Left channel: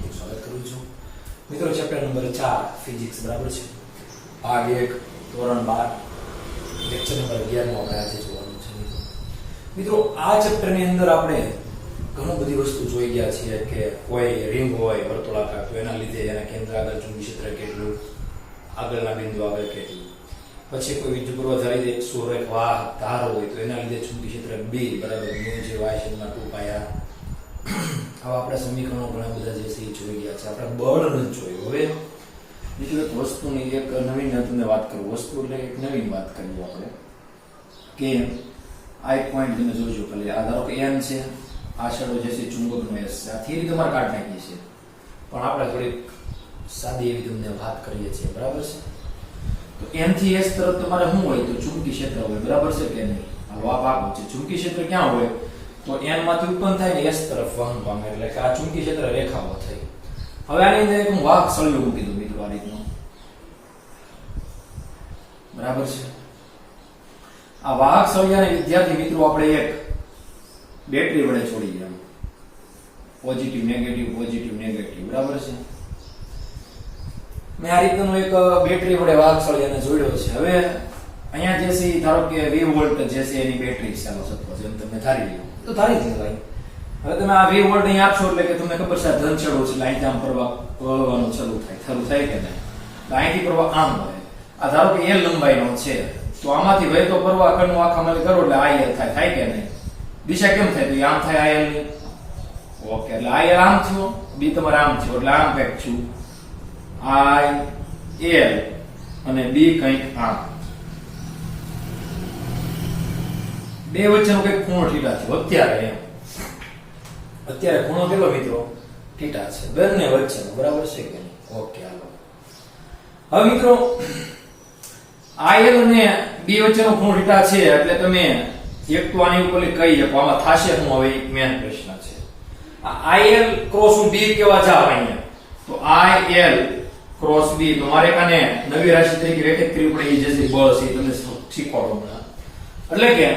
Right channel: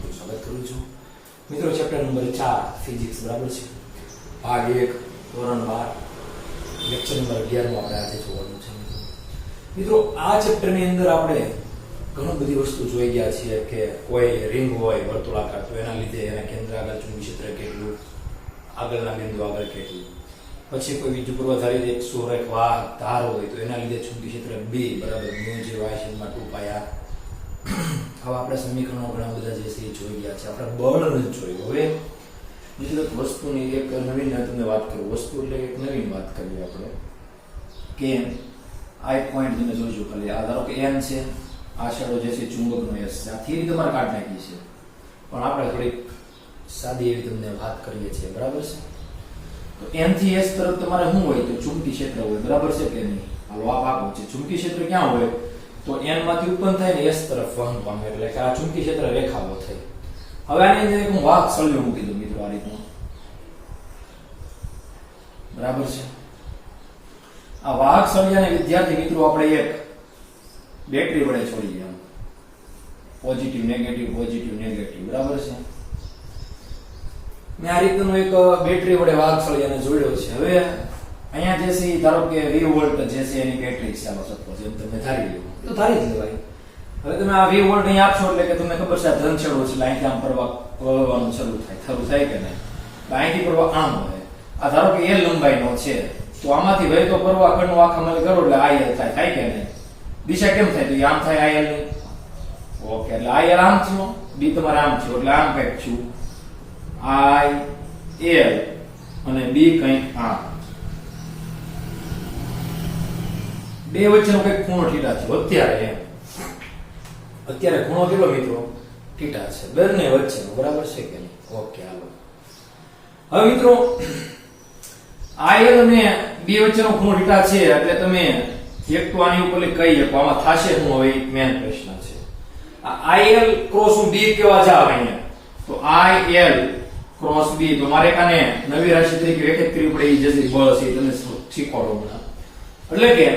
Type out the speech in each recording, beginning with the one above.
હાર્દિક સ્વાગત કરું છું મિત્રો। ચેપ્ટર નંબર 4 ફિઝિક્સ બરાબર છે, ભાગ 1 ધોરણ 12 લેક્ચર નંબર 11 માં આપણે આજે જોવાનું છે મિત્રો। આ ચેપ્ટરની અંદર આપણે ઘણું બધી વસ્તુ જોઈ ગયા છીએ કે કોઈ રિંગ હોય વર્તુળાકાર તો એના લીધે એના કેન્દ્ર આગળ ચુંબકીય ક્ષેત્ર કેટલું, આગળના બિંદુ આગળ કેટલું, પછી કોઈ બીજું પૂર્વધારિત એક સુરેખ વાહક ધાર હોય તો એના લીધે ચુંબકીય ક્ષેત્ર B બરાબર મ્યુ જે y માં 2 પાયા। હવે આપણે સમીકરણો ઘણા બધા જે છે એ જોઈ ગયા છે, આપણે બળ નથી જોયું। હવે બીજી એક વસ્તુની એક નવીન તમને વાત કરું, વસ્તુ એટલે એક નવીન વાત કરીએ આપણે કે આ એક પોઈન્ટ તમે જોજો કે આ ધારો કે n છે, આ છેડો જે છે ચુંબકનો s છે, આ થિયરી તમારે કાઢ નાખી છે પણ આપણે થોડીક સાદી એવી તમને વાત કરીએ છીએ બરાબર છે। તો n થી s તરફ તમારે શું હોય તો ચુંબકીય ક્ષેત્ર હોય બરાબર છે કે નહીં। હાલો આ ભાગ છે ચુંબકીય ક્ષેત્ર ક્યાં હોય તો n માંથી ઉત્પન્ન થાય ને s તરફ વહન પામે એટલે કે આ ચુંબકીય ક્ષેત્ર રેખાઓ થઈ। હવે આની અંદર એક હું વાહક સળિયો મૂકી દઉં મિત્રો આ રીતનો બરાબર છે। આ વાહક સળિયાને વિદ્યાર્થી મિત્રો આપણે એક બેટરી વડે છોડી દઈએ, પોઝિટિવ નેગેટિવ બરાબર છે। મેં આ રીતનું એક બેટરી વડે વાહક સળિયાને જોડ્યો છે। હવે અહીંયા જે છે ધારો કે 20 વોલ્ટ જે છે એની બેટરી છે, આનો સપોઝ એમ તમે ધારી લો તો ધારી દો ભાઈ। હવે તમે આ 20 વોલ્ટ અહીં આપશો એટલે કે તમને ખબર છે ધન છેડો છે, લાઈન આમ પ્રવાહવાનું શરૂ થાય કે નહીં, અહીંથી પ્રવાહ આમ વહે। આ ધારો કે l લંબાઈનો છે તો આમાંથી વહેતો પ્રવાહ કણનો આખામાં કરો એટલે il થાય કે નહીં, દિશા કેમ થાય તો આમ થાય il ની, ઓકે એટલે il આમ થયો, b તમારે આમ થયો એટલે આમ કંઈક થયું il અને b કંઈક આમ, બે વચ્ચેનો કઈક ખૂણો θ છે અત્યારે ખૂણો કેટલો મિત્રો θ છે બંને વચ્ચેનો બરાબર છે કે નહીં, ઓકે હાલો। હવે મિત્રો il અને b વચ્ચેનો ખૂણો θ છે એટલે તમે એક તો આની ઉપર કહી શકો આમાં થાશે શું, હવે મેન પ્રશ્ન છે આ il ક્રોસ b કેવા જાવ અહીંયા તો il ક્રોસ b તો મારે કાને નવી રાશિ તરીકે વ્યાખ્યાયિત કરવી પડે, એ જે બળ છે તમે શીખવાડો હમણાં। એટલે કે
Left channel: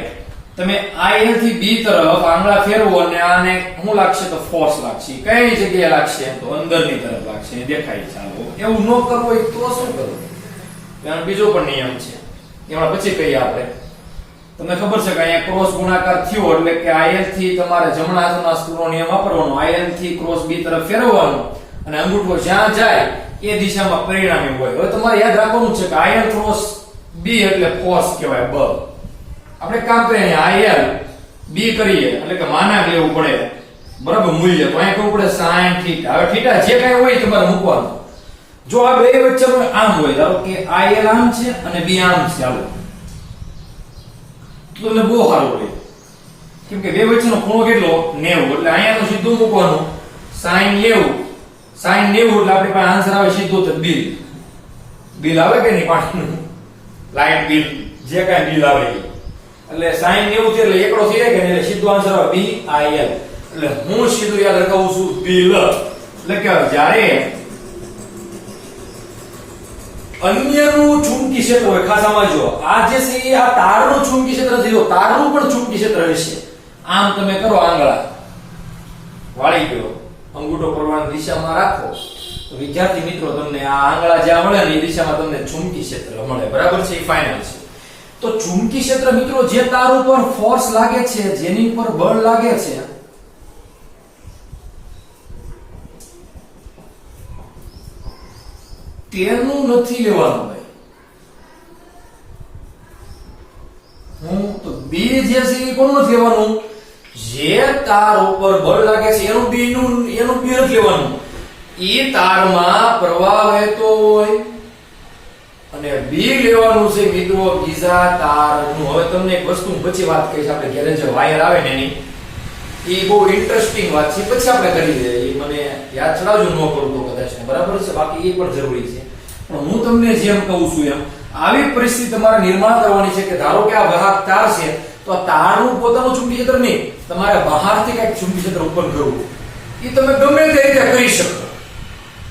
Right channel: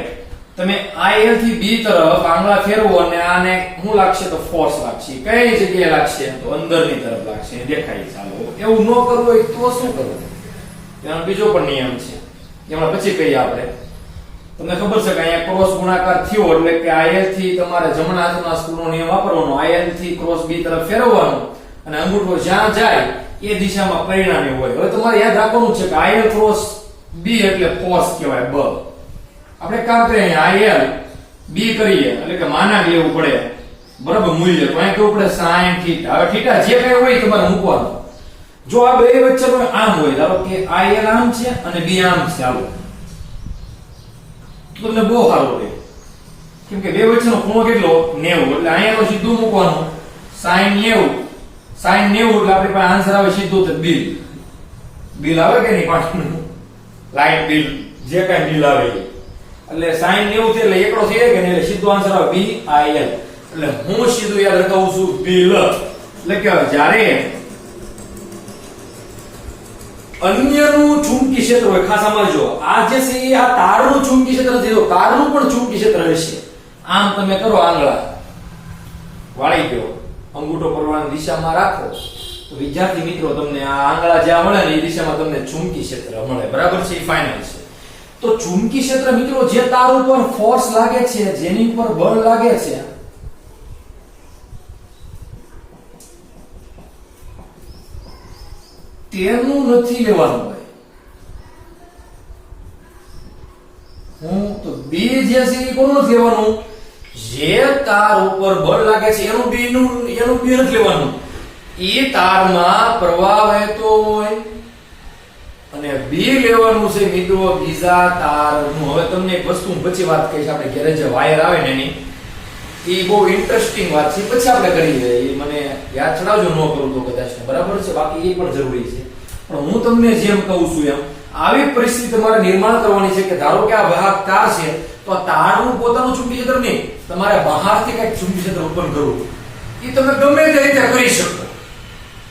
તમે il થી b તરફ આંગળા ફેરવો અને આને શું લાગશે તો ફોર્સ લાગશે, કઈ જગ્યાએ લાગશે તો અંદરની તરફ લાગશે, દેખાય ચાલો। એવું ન કરવું હોય તો શું કરવું, એનો બીજો પણ નિયમ છે એમાં પછી કહીએ આપણે। તમને ખબર છે કે અહીંયા ક્રોસ ગુણાકાર થયો એટલે કે il થી તમારે જમણા હાથના સ્ક્રૂનો નિયમ વાપરવાનો, il થી ક્રોસ b તરફ ફેરવવાનો અને અંગૂઠો જ્યાં જાય એ દિશામાં પરિણામી હોય। હવે તમારે યાદ રાખવાનું છે કે il ક્રોસ b એટલે ફોર્સ કહેવાય, બળ। આપણે કામ કરીએ il b કરીએ એટલે કે માનાક લેવું પડે બરાબર મૂલ્ય, તો અહીં કેવું પડે sin θ। હવે θ જે કઈ હોય તમારે મૂકવાનું, જો આ બે વચ્ચેનો આમ હોય ધારો કે il આમ છે અને b આમ છે હાલો તો તમને બહુ સારું પડે, કેમ કે બે વચ્ચેનો ખૂણો કેટલો 90 એટલે અહીંયા તો સીધું મૂકવાનું sin 90 એટલે આપણી પાસે આન્સર આવે સીધું તો બિલ આવે કે નહીં, પાણીનું લાઈટ બિલ જે કઈ બિલ આવે એટલે sin 90 છે એટલે એકડો થઈ જાય કે નહીં, એટલે સીધો આન્સર આવે BIL। એટલે હું સીધું યાદ રખાવું છું બિલ, એટલે કે જ્યારે અન્યનું ચુંબકીય ક્ષેત્ર હોય, ખાસ સમજો આ જે છે એ આ તારનું ચુંબકીય ક્ષેત્ર છે, તારનું પણ ચુંબકીય ક્ષેત્ર હશે। આમ તમે કરો આંગળા વાળી ગયો, અંગૂઠો પરવાની દિશામાં રાખો તો વિદ્યાર્થી મિત્રો તમને આ આંગળા જ્યાં મળે ને એ દિશામાં તમને ચુંબકીય ક્ષેત્ર મળે બરાબર છે, એ ફાઇનલ છે। તો ચુંબકીય ક્ષેત્ર મિત્રો જે તાર ઉપર ફોર્સ લાગે છે, જેની ઉપર બળ લાગે છે તેનું નથી લેવાનું ભાઈ, હું તો b જે છે એ કોનું નથી લેવાનું, જે તાર ઉપર બળ લાગે છે એનું b નથી લેવાનું, એ તારમાં પ્રવાહ વહેતો હોય અને b લેવાનું છે મિત્રો બીજા તારનું। હવે તમને એક વસ્તુ પછી વાત કહીશ, આપણે ઘરે જે વાયર આવે ને એની એ બહુ ઇન્ટરેસ્ટિંગ વાત છે, પછી આપણે કરી લઈએ, એ મને યાદ ચડાવજો ન કરું તો કદાચ બરાબર છે, બાકી એ પણ જરૂરી છે। પણ હું તમને જેમ કહું છું એમ આવી પરિસ્થિતિ તમારે નિર્માણ કરવાની છે કે ધારો કે આ વાહક તાર છે તો આ તારનું પોતાનું ચુંબકીય ક્ષેત્ર નહીં, તમારે બહારથી કઈક ચુંબકીય ક્ષેત્ર ઉત્પન્ન કરવું, એ તમે ગમે તે રીતે કરી શકો।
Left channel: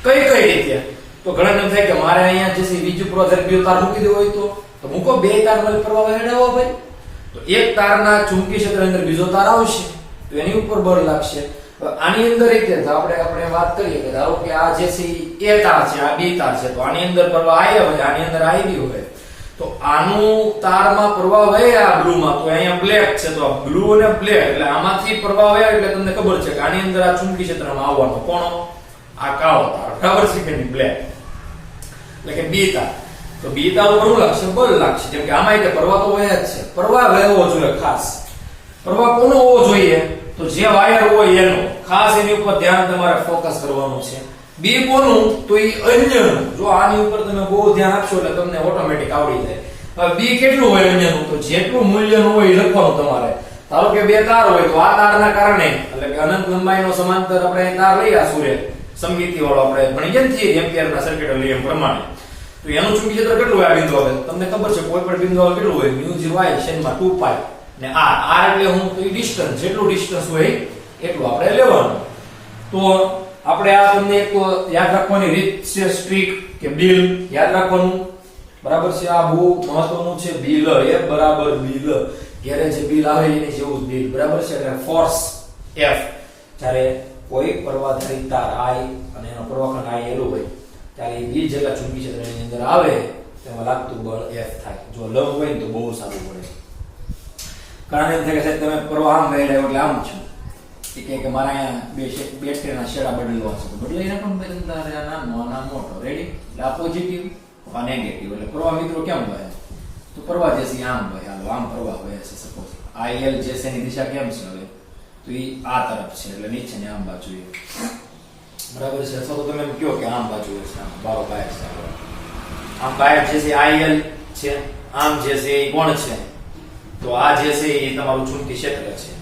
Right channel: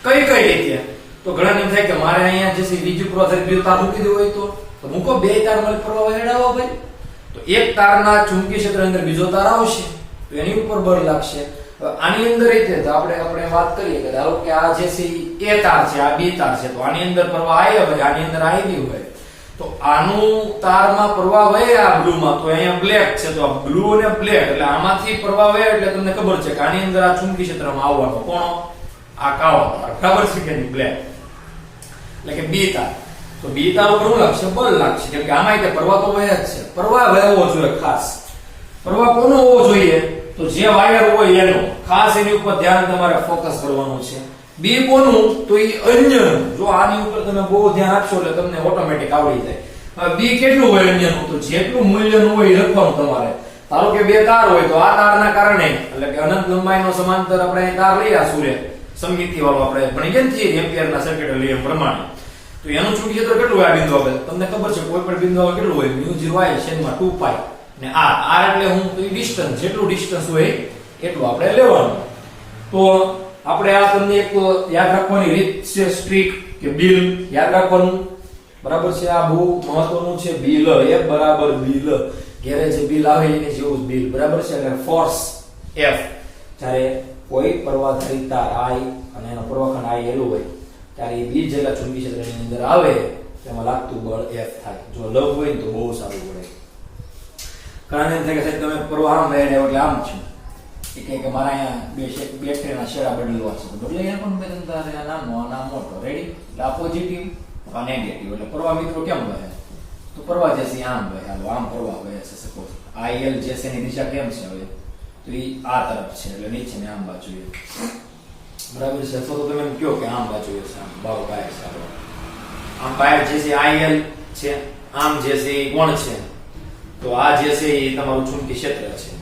કઈ રીતે તો ઘણા એમ થાય કે મારે અહીંયા જે બીજું પૂર્વધારિત બે તાર મૂકી દેવો હોય તો મૂકો, બે તાર મળે પ્રવાહ વહેડાવો ભાઈ, તો એક તારના ચુંબકીય ક્ષેત્ર અંદર બીજો તાર આવશે તો એની ઉપર બળ લાગશે આની અંદર રીતે તો આપણે વાત કરીએ કે ધારો કે આ જે છે એ તાર છે, આ બી તાર છે, તો આની અંદર પ્રવાહ આયા હોય, આની અંદર આવી હોય, તો આનું તારમાં પ્રવાહ વહે આ બ્લુ માં, તો અહીંયા બ્લેક છે, તો બ્લુ અને બ્લેક એટલે આમાંથી પ્રવાહ વહે એટલે તમને ખબર છે કે આની અંદર આ ચુંબકીય ક્ષેત્રમાં આવવાનો કોનો? આ કાળો તાર, બરાબર છે કે નહીં? બ્લેક એટલે કે બી તાર. તો બી તાર ઉપર શું લાગશે? બળ લાગશે, કેમ કે આમાં પ્રવાહ તો વહે જ છે. પ્રવાહ વહેવો જોઈએ, ખાસ પ્રવાહ કોનો હોવો જોઈએ? તો જે વાયર હોય એનો, ખાસ એની ઉપર ધ્યાન તમારે ફોકસ કરવાનું છે. બી કોનું? તો એ અન્યનું. જો આની ઉપર તમે બહુ ધ્યાન આપશો એટલે તમને ઓટોમેટિક આવડી જાય. હવે બી કેટલું હોય અન્યનું? તો જેટલું મૂલ્યનું હોય એ લખવાનું તમારે. ધારો કે બે તાર હોય તો આ તારના કારણે એટલે કે અનંત લંબાઈનો સમાંતર આપણે તાર લઈએ આ સૂર્ય સમમિતિ વાળો આપણે ભણી ગયા છીએ એમ્પિયરના સર્કિટ નિયમ પ્રમાણે, તો એનું ચુંબકીય ક્ષેત્ર કેટલું હોય આ બિંદુ આવે? તમને ખબર છે કોઈ પણ બિંદુ આવે કેટલું હોય? μ0 શેનમાં 2π ને r એટલે હું તો ડિસ્ટન્સ, જેટલું ડિસ્ટન્સ હોય એટલું આપણે લેવાનું. તો આપણે આ તમને એક યાદ રાખવાની રીત છે, સ્ટ્રીક કે બિલ યાદ રાખવાનું, બરાબર છે? આ બહુ મહત્વનું છે. બિલ F બરાબર બિલ, ઘેરે જે બિલ આવે એની જેવું જ બિલ, બરાબર છે? એટલે ફોર્સ F જ્યારે કોઈ પ્રવાહધારી તાર I અને એનો પ્રવાહખંડ I એલું હોય ત્યારે એ બી જેટલા ચુંબકીય ક્ષેત્રની અંદર આવે તેમાં લાગતું બળ F થાય. જો લંબ હોય ને તો બહુ સારું પડે. કારણ એમ થાય કે સાહેબ તમે પ્રવાહ આમ વહે એટલે આમ છું, કે મારા અહીંયા બેટરીના શેડા બદલવા છે, તો બદલાઈ નાખો ને નામનો નામ મોટો, રેડી? એટલે આ પોઝિટિવ, આ નેગેટિવ. એટલે પ્રવાહ મિત્રો કેમ વહે? તો પ્રવાહ જે છે આમ વહે. હાલો આમ પ્રવાહ વહે છે. સપોઝ IL જે છે એની દિશા કેમ છે? હવે તો એ આ તરફ છે એટલે નીચે ને આમ બાજુ, બરાબર છે? અથવા તો તમે એમ કહો કે આમ બાજુ છે, આમ બારો બાયર છે, આમ બાયર જે છે IL છે, આમ જે છે એ કોણ છે? તો આ જે છે એ તમારું ચુંબકીય ક્ષેત્ર છે.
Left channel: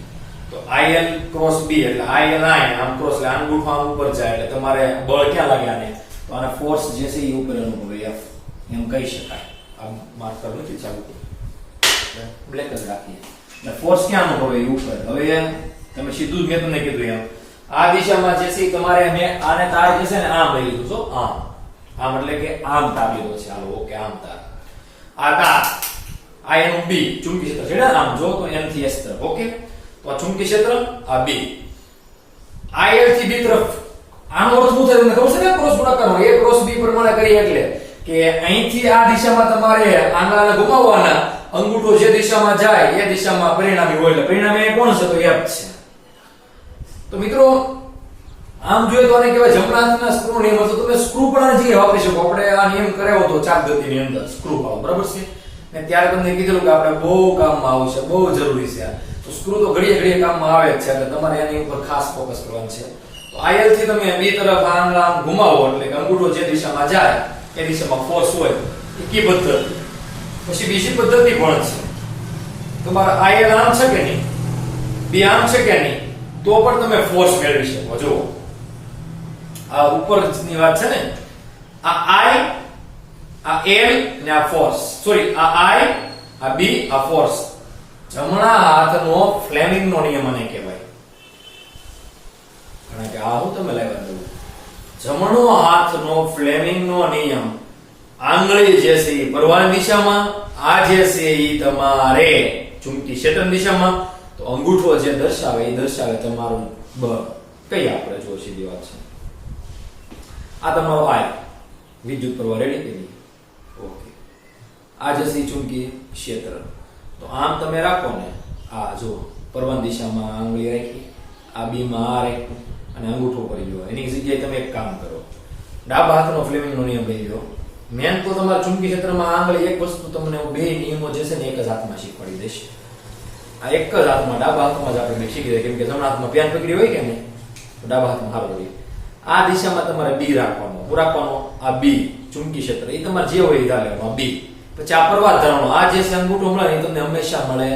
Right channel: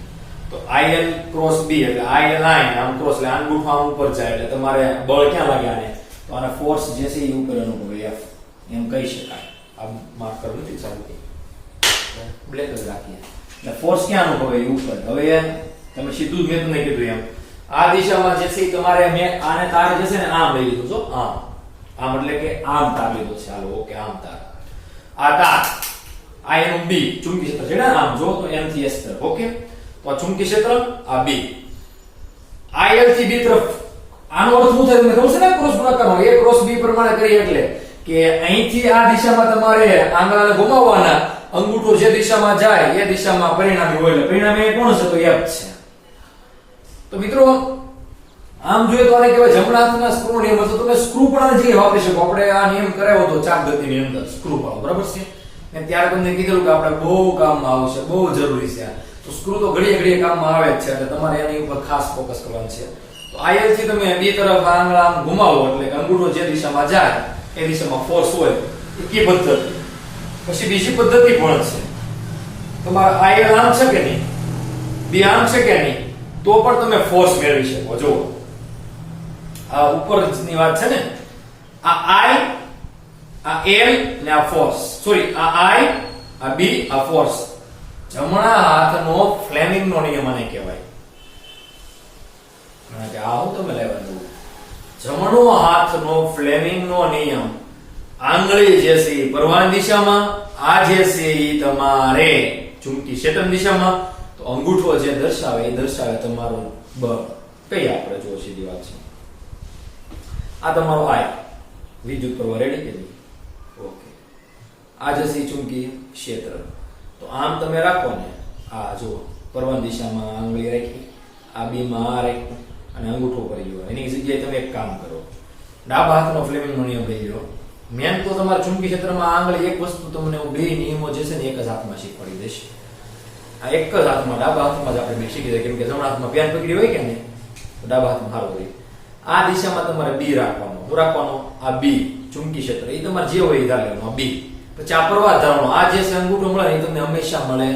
તો IL ક્રોસ B એટલે IL આમ ક્રોસ એટલે આંગૂઠો આમ ઉપર જાય એટલે તમારે બળ ક્યાં લાગે આને? તો આને ફોર્સ જે છે એ ઉપર અનુભવે F એમ કહી શકાય. આ માર્ક કર નથી ચાલુ, બ્લેક જ રાખીએ. એટલે ફોર્સ ક્યાં અનુભવે? એ ઉપર. હવે તમે સીધું જ મેં તમને કીધું એમ આ દિશામાં જે છે તમારે મેં આને તાર જે છે ને આમ લઈ લીધું છો, આમ એટલે કે આમ તાર લીધો છે. હાલો ઓકે, આમ તાર, આ તાર, આ એનું B ચુંબકીય ક્ષેત્ર છે ને, આમ જો તો M થી S તરફ. ઓકે, તો આ ચુંબકીય ક્ષેત્ર આ B, IL થી B તરફ. આનો અર્થ શું થાય તમને ખબર છે ને? ક્રોસ ગુણાકારનો. A ક્રોસ B પ્રમાણે કરી એટલે કે અહીંથી આ દિશામાં તમારે આંગળાને ઘુમાવવાના, અંગૂઠો જે દિશામાં જાય એ દિશામાં પરિણામી હોય એટલે પરિણામી કોણ છે? તો F છે. તો મિત્રો આમ જોઈએ તો આને કહેવાય જમણા હાથના સ્ક્રૂ નિયમ. તો તમે સ્ક્રૂ પણ આની જગ્યાએ વાપરી શકો. આપણે આ નિયમ કરાવ્યો તો ચાક ગતિની અંદર સ્ક્રૂ પાડો, બરાબર છે? ને ત્યારે તમને કીધેલું કે આપણે બહુ કામમાં આવશે, બહુ જરૂરી છે. તો સ્ક્રૂ તો ઘડીએ ઘડીએ કામમાં આવે જ છે એટલે તમારે એની ઉપર ખાસ ફોકસ કરવાનું છે. તો IL થી તમે B તરફ આંગળા આમ ઘુમાવો એટલે કે અંગૂઠો જે દિશામાં જાય એ દિશામાં ફોર્સ હોય એ કી પદ્ધતિ. પછી બીજી પદ્ધતિ પણ છે. તમારા IL આમ છે કે નહીં, B આમ છે કે નહીં, તો પણ તમે ફોર્સ મેળવી શકો. જો આ ઉપરની વાત છે ને, આ I, આ L ને આ ફોર્સ, સોરી આ I, આ B, આ ફોર્સ. જમણા હાથનો ફ્લેમિંગનો નિયમ આને કહેવાય. કારણ કે આ હું તમે લાવ્યા દઉં, જમણો હાથનો ફ્લેમિંગનો નિયમ. આંગળી જે છે એ પ્રવાહની દિશામાં, આ જે છે એ તમારે ચુંબકીય ક્ષેત્રની દિશામાં, તો અંગૂઠો જે દર્શાવે એ દર્શાવે તમારું બળ. કઈ આપણે જો સીધી વાત છે, આ તમારો I વિદ્યુત પ્રવાહ, રેડી કે નહીં? ઓકે, આ જે છે ચુંબકીય ક્ષેત્ર. તો આમ તમે રાખો ને, આ જો પ્રવાહની દિશામાં આંગળી રાખી, આ B માં આ રાખ્યું અને અંગૂઠો પર ગયો. એની જગ્યાએ તમે એક કામ કરો, ડાબા હાથનો ફ્લેમિંગનો નિયમ લઈ લો. મેન તો તમારા ચુંબકીય ક્ષેત્રમાં આંગળી એક વસ્તુ તમને બે નિયમો જે છે ને એક જ હાથમાં શીખવાડી દઈશ. આ એક જ હાથમાં, ડાબા હાથમાં જ આપણે બે શીખી દઈએ, કેમ કે જમણા હાથમાં પેન પકડી હોય કે નહીં, તો ડાબા હાથમાં હારો રહી. આ દિશામાં તમારે B રાખવાનો, શું રાખવાનો? આ B ચુંબકીય ક્ષેત્ર એ તમારે જે હોય એ ધાર લેવાનો, આ B. પછી આ પ્રવાહ ધારવાનો, આ જે છે અંગૂઠો મળે એ તમને હંમેશા મળે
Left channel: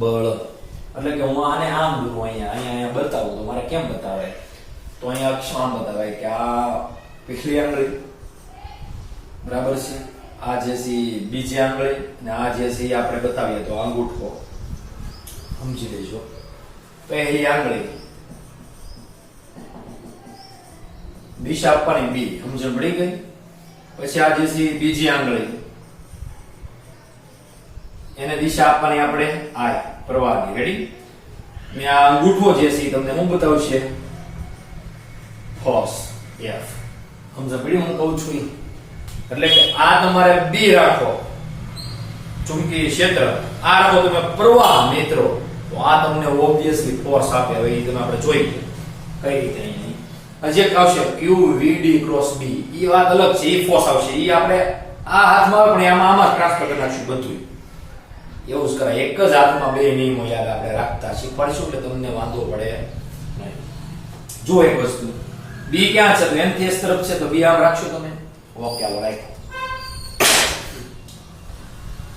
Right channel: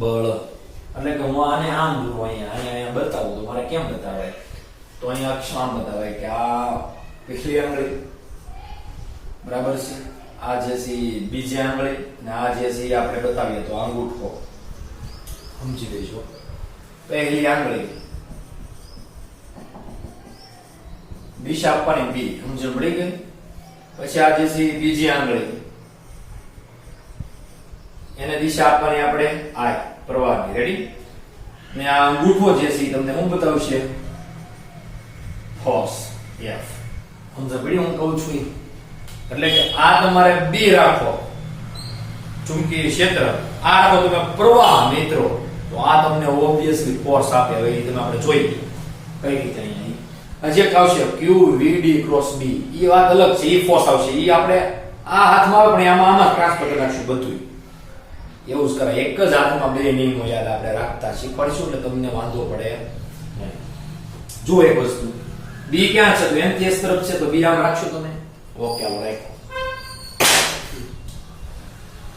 બળ. એટલે કે હું આને આમ દોરું, અહીંયા બતાવું તો મારે કેમ બતાવાય? તો અહીંયા અક્ષ આમ બતાવાય કે આ પહેલી આંગળી, બરાબર છે? આ જે છે બીજી આંગળી ને આ જે છે આપણે બતાવીએ તો અંગૂઠો, સમજી દેજો. પહેલી આંગળી દિશા આપવાની B, સમજણ પડી ગઈ? પછી આ જે છે બીજી આંગળી, એને દિશા આપવાની આપણે I પ્રવાહની, રેડી? ને આ અંગૂઠો જે છે તમને હું બતાવશે ફોર્સ F. સમજ પડી હું કહું છું ઈ? એટલે કે આ તમારે B રાખો ચુંબકીય ક્ષેત્ર, આ રાખો તમે પ્રવાહ મિત્રો, તો આ તમને ઓબ્વિયસલી ફોર્સ આપે. હવે ઈ તમે આપણે જોઈએ કઈ રીતે અહીંયા જે આવશે QVD ક્રોસ B, ઈ વાત અલગ છે, ઈ ફોર્સ આવશે. ઈ આપણે આ હાથમાં આવે પણ આમાં ટ્રાન્સફર કરી નાખશું બધું. એવું જ કરાય, એક જ હાથમાં બે નિયમો યાદ આપણે રાખતા શીખવાડીશું એટલે તમને વાંધો પડે નહીં. જો એક વસ્તુ B ક્યાં છે તો MTS તરફ છે, તો B આમ રાખશો તમે. ઓકે હાલો રાઈટ.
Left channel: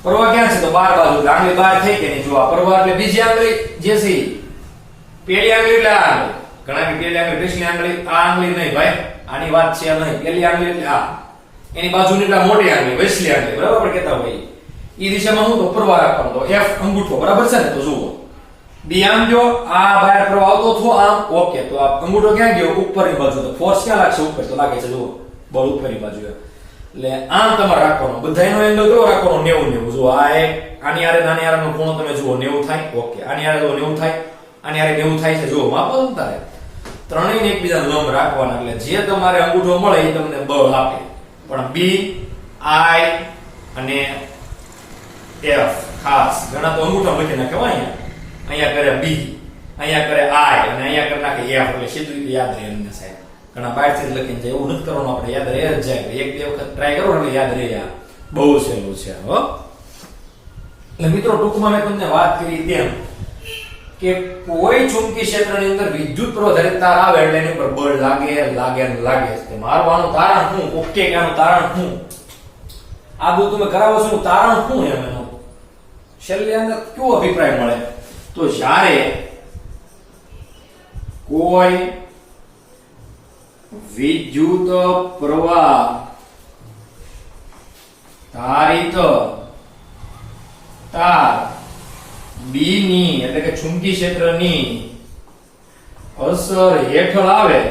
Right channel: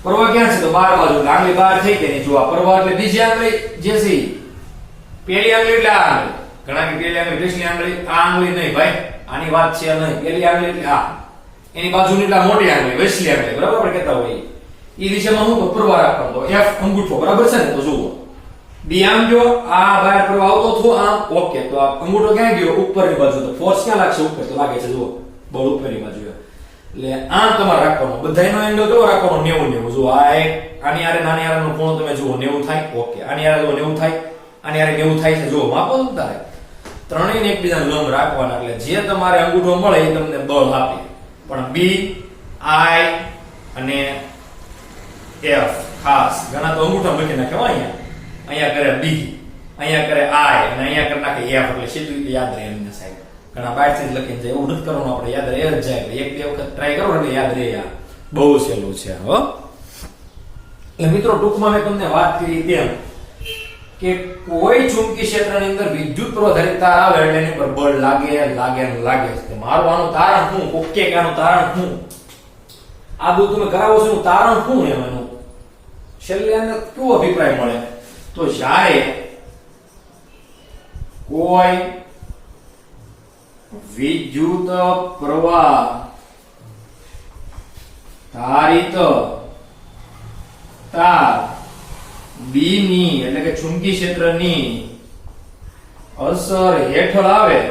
પ્રવાહ ક્યાં છે તો બાર બાજુ, આંગળી બહાર થઈ કે નહીં. જો આ પ્રવાહ એટલે બીજી આંગળી જે છે પેલી આંગળી એટલે આ આંગળી. ઘણા કે પેલી આંગળી બીજી આંગળી, આ આંગળી નહીં ભાઈ, આની વાત છે નહીં. પેલી આંગળી એટલે આ, એની બાજુની એટલે મોટી આંગળી વચલી આંગળી, બરાબર આપણે કહેતા હોય. ઈ દિશામાં હું તો પ્રવાહ રાખવાનો, તો F અંગૂઠો, બરાબર છે ને. તો જુઓ B આમ જો આ બહાર પ્રવાહ આવતો થો આમ, ઓકે. તો આ અંગૂઠો ક્યાં ગયો? ઉપરની બાજુ. તો ફોર્સ ક્યાં લાગશે? ઉપર. તો લાગે છે જુઓ બળ ઉપરની બાજુ. એટલે આમ તમારે રાખવાનો, બધાયનો એંગલ કેવો રાખવાનો? 90 90. જુઓ આ એક આની આરે નાની આરેનો ખૂણો તમે જુઓ 90 થાય. ઓકે આની આરે 90 થાય, આની આરે 90 થાય છે. જુઓ માપો ને તારે ત્રણેયને એકબીજાને લંબ રાખવાના, એટલે જે તમારે અંગૂઠો મળે એ તમને બળ આપે. પણ B, I અને F ખાસ ઘણા તો અંગૂઠો મૂકી નાખે અહીંયા કરે B, અહીંયા કરે I અને અહીંયા કરી નાખે F. એટલે સીધું યાદ રહે એમને સાહેબ. ઘણા બહારથી જ લખીને જાય, એવું નથી કરવાનું, આપણે યાદ રહે જ જાય. એક બે વખત ટ્રાય કરો એટલે યાદ રહે. આ બહુ સહેલું છે. હો એટલે મિત્રો ટૂંકમાં મેં તમને વાત કરી તેમ કે કોઈ ચુંબકીય ક્ષેત્રની અંદર વિદ્યુત પ્રવાહ તાર આવે એટલે એની પર બળ લાગે લાગે ને લાગે. મારું આનું તારણ શું? ઓકે કે આનું તારણ શું? આ બધું તમે કરાવો છો, તારણ શું એનું? છેલ્લે આનો કેવો અભિપ્રાય મળે? તો જ્યારે કોઈ વિદ્યુત પ્રવાહ ધારિત તાર B ની એટલે કે ચુંબકીય ક્ષેત્રની અસર હેઠળ આવે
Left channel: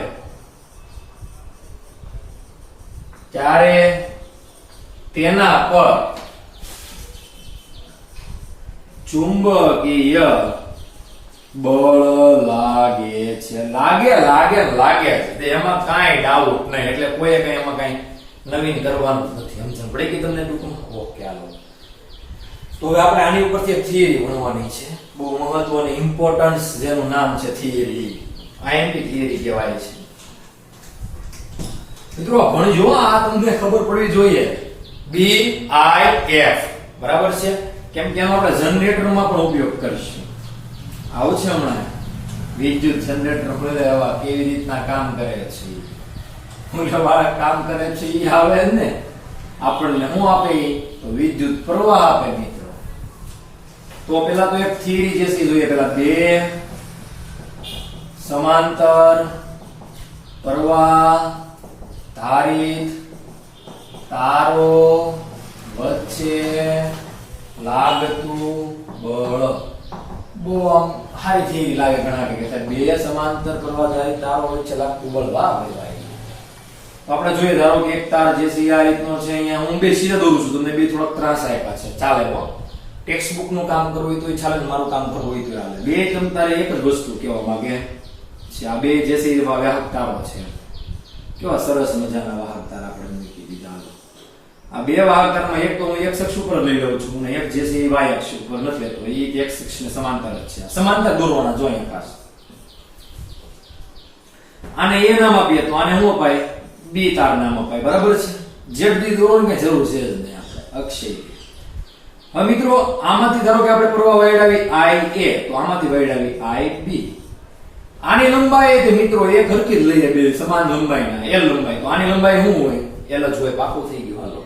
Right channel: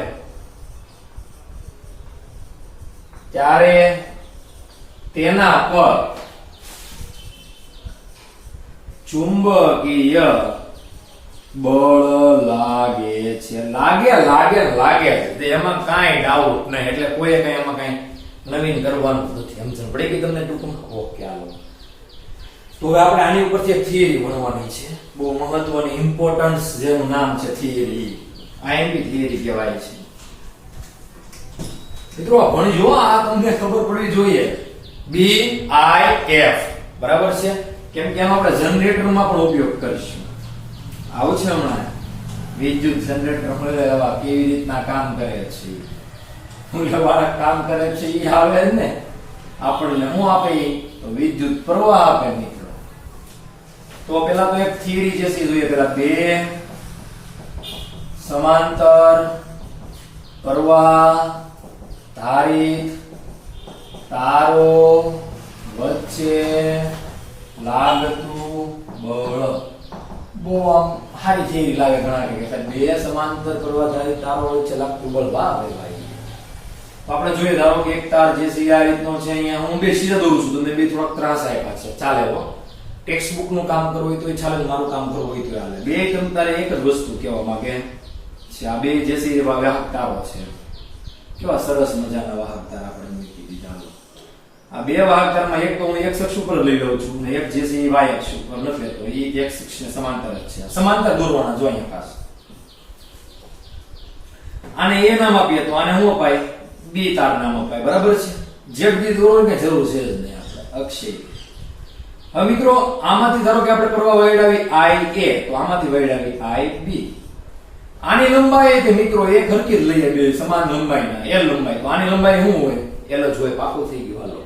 ત્યારે તેના પર ચુંબકીય બળ લાગે છે. લાગે લાગે લાગે છે, એમાં કાંઈ ડાઉટ નહીં. એટલે કોઈ કઈ એમાં કઈ નવીન કરવાનું નથી. સમજણ પડે કે તમને ટૂંકમાં? ઓકે હાલો. તો હવે આપણે આની ઉપરથી એક થિયરી ભણવાની છે, બહુ મહત્વની, ઇમ્પોર્ટન્સ જેનું નામ છે થિયરી. IMP થિયરી કહેવાય છે. મિત્રો ભણજો, આ તમને ખબર પડવી જોઈએ. B I F બરાબર છે. કેમ કે આનો આપણે જનરેટરમાં પણ ઉપયોગ કરીશું. આવું છે હમણાં વિદ્યુત જનરેટર મળેવા કેવી રીતના કામ કરે છે, મૂલ્યવાળા કામ કરે છે એ આવે ને આપણને શું આપે? તો વિદ્યુત પ્રવાહ આપે મિત્રો. તો પેલા તો એક થિયરી જે છે જોઈએ. પેલા બે સમાંતર પ્રવાહ ધારિત તારો વચ્ચે લાગતું બળ. બહુ આમ સારી થિયરી લાગે ઘણા કે બે સમાંતર પ્રવાહ ધારિત તારો વચ્ચે લાગતું બળ. વાહ ભાઈ. તો આપણે જોઈએ, ધારો કે એક તાર જે છે આ રીતનો છે. અહીંયા હું બે સીધા દોરું છું, તમને બે થોડાક ત્રાસ આપ્યા છે, ચાલે. ટેક્સ્ટ બુક નું કામ કરવું હોય તો ચાલે, મારું કામ કરવું હોય તો ચાલે. બે તમ તારે એક જ વસ્તુ કહેવા માંગે છે. આ બે જે છે વાહક તારો છે. કેવા સરસ મજાના વાહક તાર આપણે મૂકી દીધા. આ બે વાહક તારમાં એક તો હું એક અક્ષ ઉપર લઈ લઉં છું અને એક જે છે એ y અક્ષ ઉપર નથી લેતો. એ એક અક્ષને સમાંતર જ છે. સમાંતર દોરવાના જો અહીંયા ખાસ. આને એ નામ આપીએ તો આને શું અપાય? B તાર નામ અપાય. બરાબર છે. Z બી દોરવાની કઈ જરૂર છે જ નહીં આપણે અક્ષય. હવે મિત્રો આમાંથી ધારો કે આપણે પ્રવાહ વહેડાવી IA, તો આમાંથી વહેડાવી IB. આની લંબાઈ કે મિત્રો એક હરખી જ લઈએ, બે સમાન લંબાઈના L લંબાઈ. તો આની લંબાઈ શું હોય? L જ હોય. પાકું થઈ ગયું. હાલો,